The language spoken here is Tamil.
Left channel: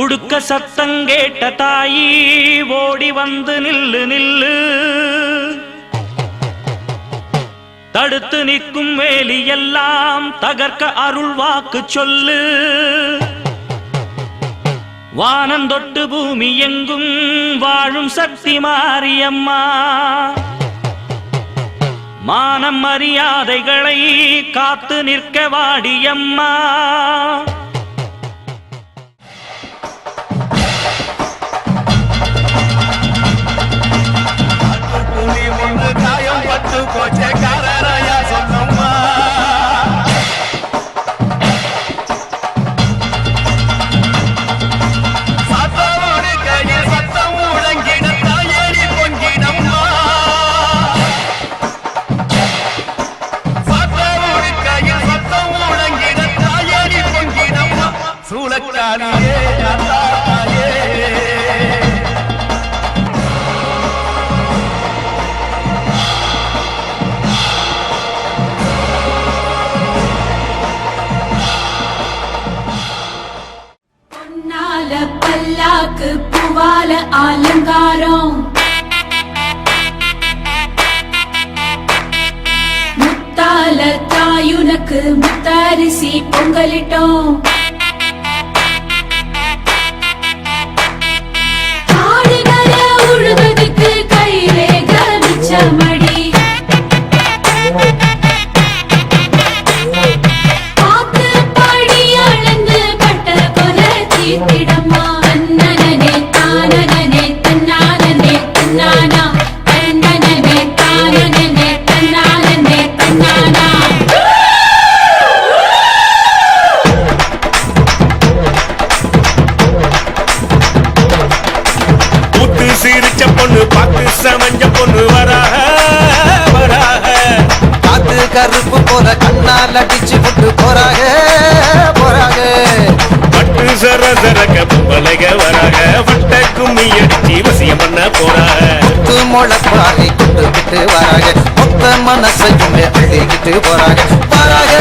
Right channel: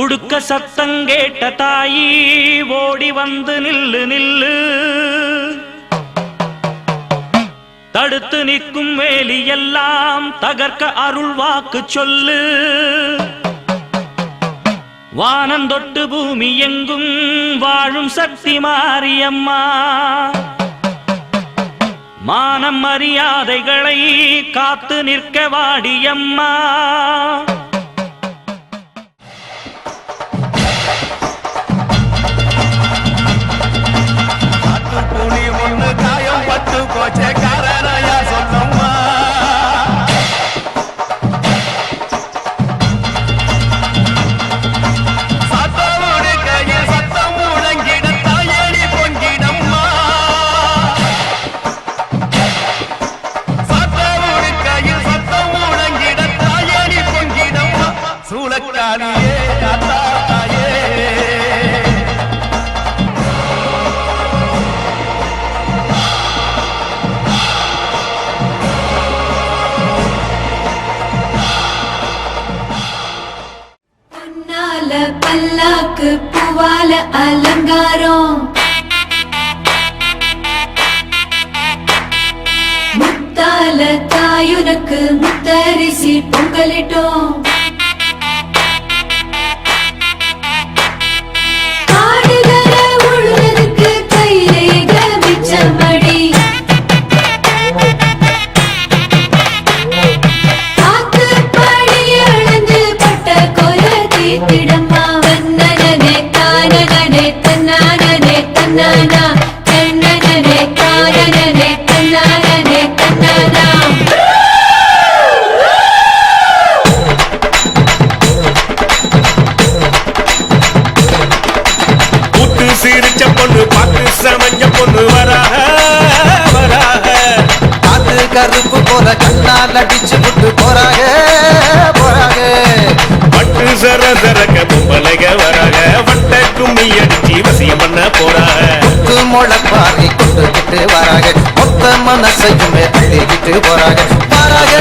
உடுக்க சத்தங்கேட்ட தாயி ஓடி வந்து நில்லு நில்லு, தடுத்து நிற்கும் வேலி எல்லாம் தகர்க்க அருள் வாக்கு சொல்லு. வானந்தொட்டு பூமி எங்கும் வாழும் சக்தி மாரியம்மா, மானம் மரியாதைகளை காத்து நிற்க வாடியம்மா. புலி ஒன்று காயம் பட்டு கோச்சக்காரரையா சொன்னம்மா. சத்தோடு கையில் சத்தம் முழங்கிட தாயடி பொங்கிடம்மா. சத்தோடு கையில் சத்தம் முழங்கிட தாயடி பொங்கிடம்மா. சூளக்காரியே அத்தாயே பல்லாக்கு பூவால அலங்காரம், முத்தால தாயுனக்கு முத்தரிசி பொங்கலிட்டோம். ஆடுகள உழுவதுக்கு கைரேக மிச்சமடி, காத்து படி அளந்து பட்ட கொலை தீர்த்திடம்மா. தன்னனே தானனே தன்னானே தன்னானா, தன்னனே தானனே தன்னானே தன்னானா. கூத்து சிரிச்ச பொண்ணு பார்த்து சமஞ்ச பொண்ணு வராக வராக, காத்து கருப்பு போல கண்ணால் அடிச்சு புட்டு போறாக போறாக. பட்டு சர சரக்க பொம்பளைக வராக, வட்ட கும்மி அடிச்சு வசியம் பண்ண போறாக. முத்து முளைப்பாரி கொண்டுகிட்டு வராக, மொத்த மனசையுமே அள்ளிக்கிட்டு போறாக போறாக.